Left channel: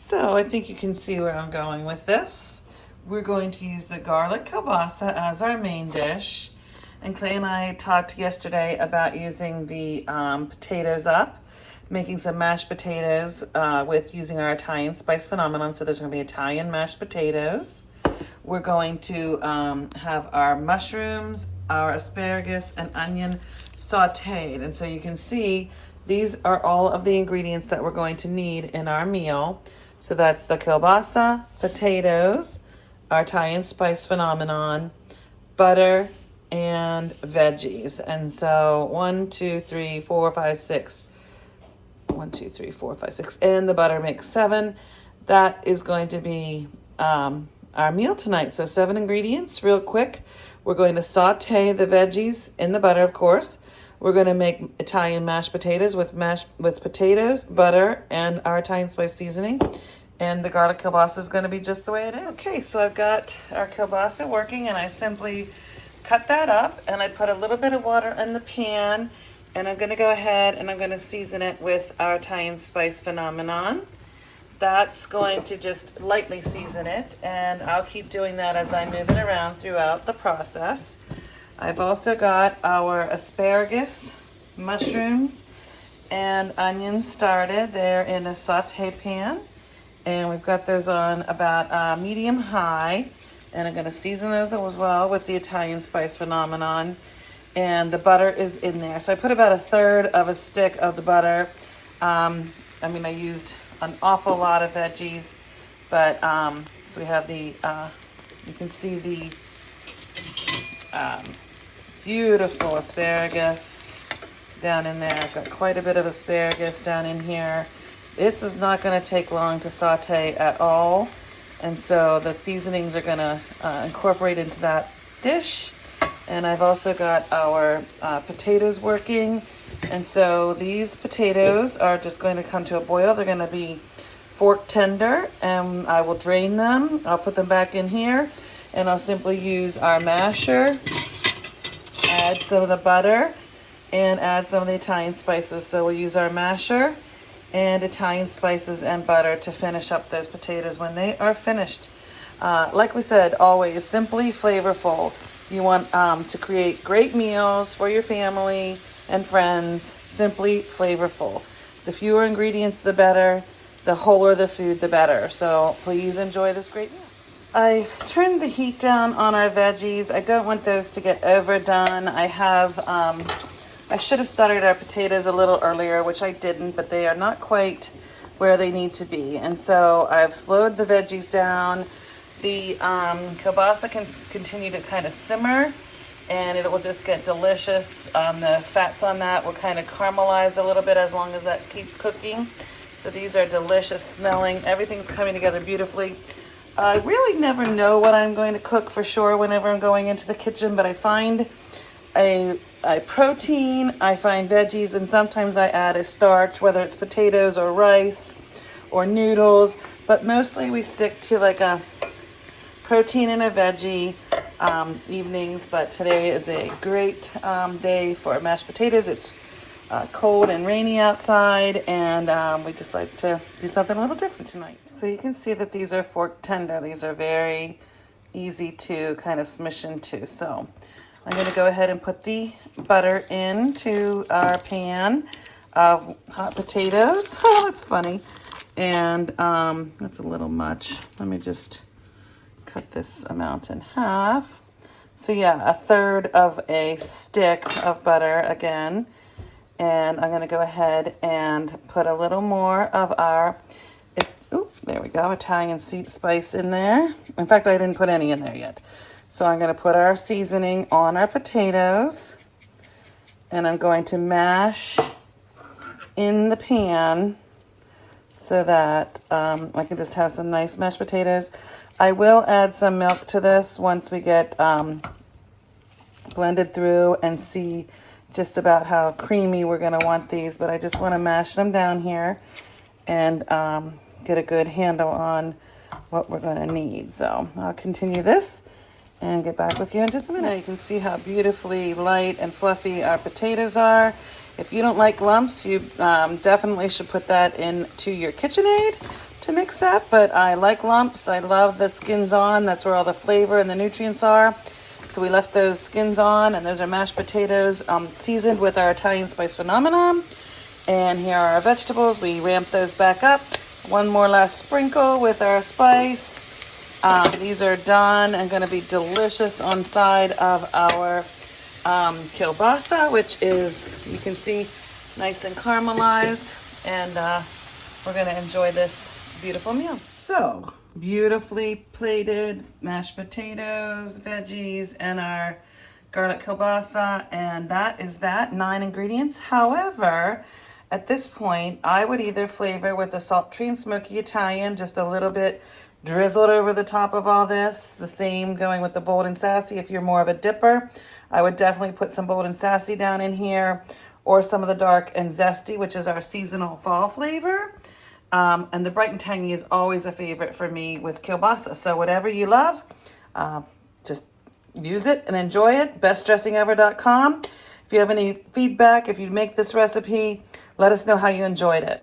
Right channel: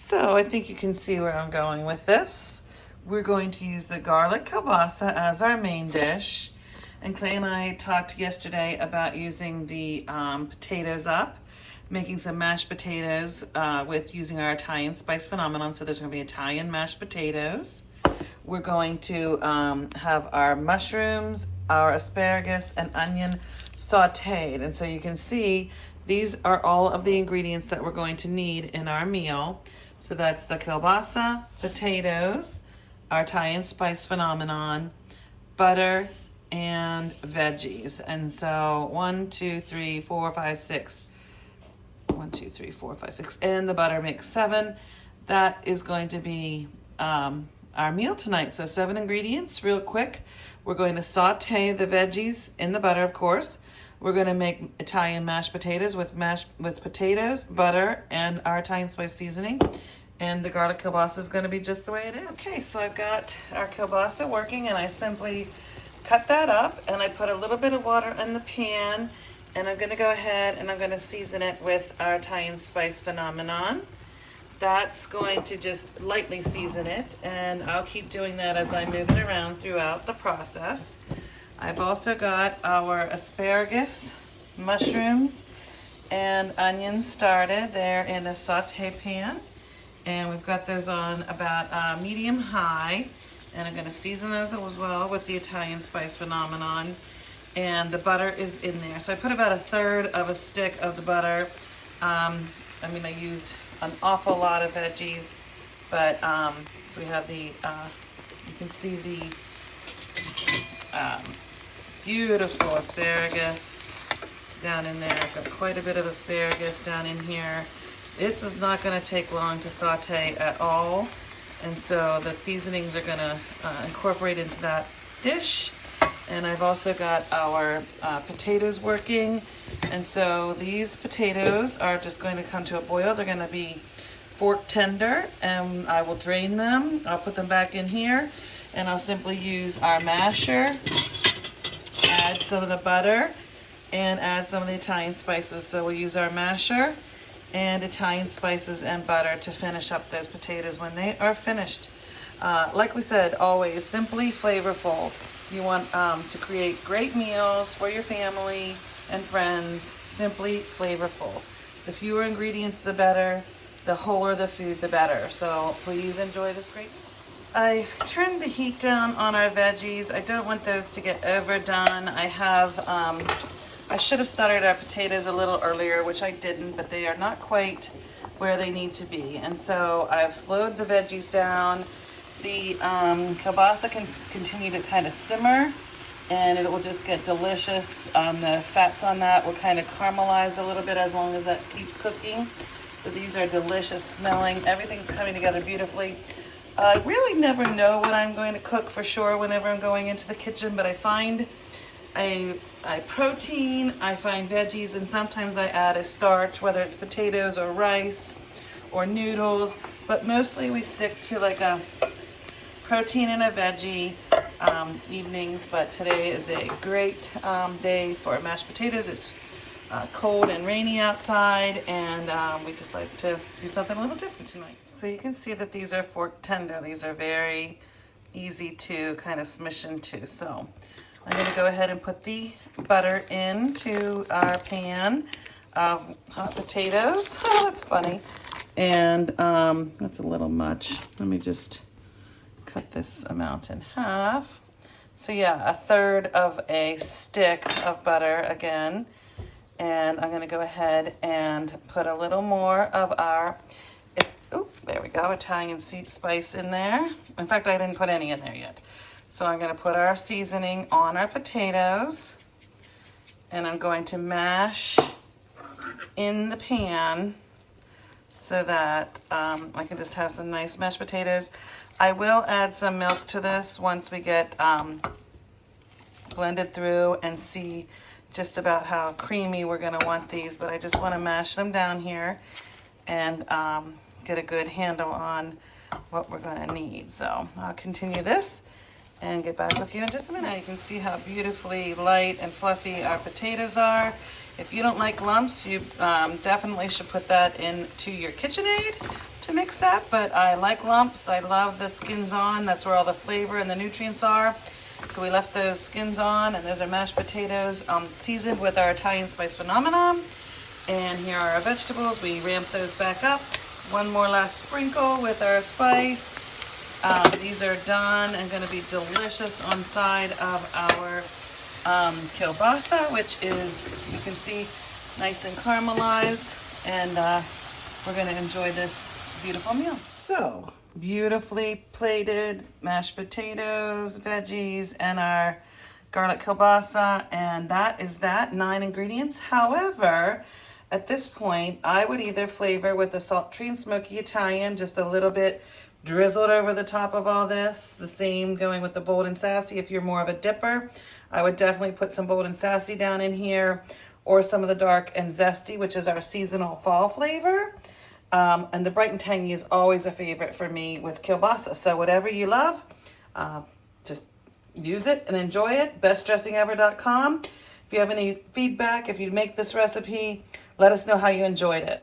So I think you can see where I'm going with this. We're going to use the garlic kielbasa as our main dish. And Clay and I talked yesterday about using the potatoes up, making some mashed potatoes with using our Italian spice phenomenon. So there's going to be Italian mashed potatoes. We're going to have our mushrooms, our asparagus, and onion sauteed. And so you can see these are all of the ingredients that we're going to need in our meal. So that's the kielbasa, potatoes, our Italian spice phenomenon, butter, and veggies. And so 1, 2, 3, 4, 5, 6. 1, 2, 3, 4, 5, 6. And the butter makes 7. That is going to be our meal tonight. So 7 ingredients, real quick. We're going to saute the veggies in the butter, of course. We're going to make Italian mashed potatoes with potatoes, butter, and our Italian spice seasoning. And the garlic kielbasa is going to be just the way it is. Okay, so I've got our kielbasa working, and I simply cut that up, and I put a little bit of water in the pan, and I'm going to go ahead and I'm going to season it with our Italian spice phenomenon. That's going to just lightly season it, and I'll keep doing that as I move it around throughout the process. I've also got our asparagus, mushrooms, and onions started. They're in a saute pan, and we've got those on about medium-high, and I'm going to season those as well with the Italian spice phenomenon, and the butter is in there. So I put about 1/3 of a stick of the butter. I used an awful lot of veggies, but so we have the, you can see the beautiful asparagus down in there. I've got quite a bit of asparagus down in here. This is not going to take long to saute at all, and so the seasonings are going to incorporate into that dish. And I've also got our potatoes working, and so these potatoes are just going to come to a boil. They're going to be fork tender, and I will drain them. I'll put them back in here, and I'll simply use our masher, add some of the butter, and add some of the Italian spices. So we'll use our masher and Italian spices and butter to finish up those potatoes when they are finished. Like we said, always simply flavorful. You want to create great meals for your family and friends. Simply flavorful. The fewer ingredients, the better. The wholer the food, the better. So please enjoy this great meal. I turned the heat down on our veggies. I don't want those to get overdone. I should have started our potatoes a little earlier, which I didn't, but they are not quite where they need to be. And so I've slowed the veggies down. The kielbasa can continue to kind of simmer, and it will just get delicious. The fats on that will kind of caramelize a little bit as long as that keeps cooking. So these are delicious smelling. Everything's coming together beautifully. I really never know what I'm going to cook for sure whenever I'm going into the kitchen, but I find a protein, I find veggies, and sometimes I add a starch, whether it's potatoes or rice or noodles, but mostly we stick to like a protein and a veggie evenings. But today is a great day for mashed potatoes. It's cold and rainy outside, and we just like to do something a little different tonight. So you can see that these are fork tender. These are very easy to kind of smush into. So I'm going to go ahead and put the butter into our pan of hot potatoes. Oh, that's funny. And that's a little much. Let me just cut this amount in half. So yeah, 1/3 of a stick of butter again. And I'm going to go ahead and put a little more of our, there we go, Italian spice in there. In fact, I didn't put any in there yet. So I'm going to put our seasoning on our potatoes, and I'm going to mash in the pan so that I can just have some nice mashed potatoes. I will add some milk to this once we get blended through and see just about how creamy we're going to want these, but I just want to mash them down here and get a good handle on what we're going to need. So I'll continue this and get back with you in just a minute. Now you can see how beautifully light and fluffy our potatoes are. If you don't like lumps, you definitely should put that into your KitchenAid to mix that, but I like lumps. I love the skins on. That's where all the flavor and the nutrients are. So we left those skins on, and those are mashed potatoes seasoned with our Italian spice phenomenon. And here are our vegetables. We ramp those back up. One more last sprinkle with our spice. These are done and going to be delicious on side of our kielbasa, which is, you can see, nice and caramelized. And we're going to enjoy this beautiful meal. So, beautifully plated mashed potatoes, veggies, and our garlic kielbasa. And that is that, 9 ingredients. However, at this point, I would either flavor with a sultry and smoky Italian, just a little bit drizzled over the top of all this. The same going with the bold and sassy. If you're more of a dipper, I would definitely put some bold and sassy down in here, or some of the dark and zesty, which is our seasonal fall flavor. And the bright and tangy is always a favorite for me with kielbasa. So whatever you love, just use it and enjoy it. bestdressingever.com. If you have any feedback, if you make this recipe, let us know how you enjoyed it.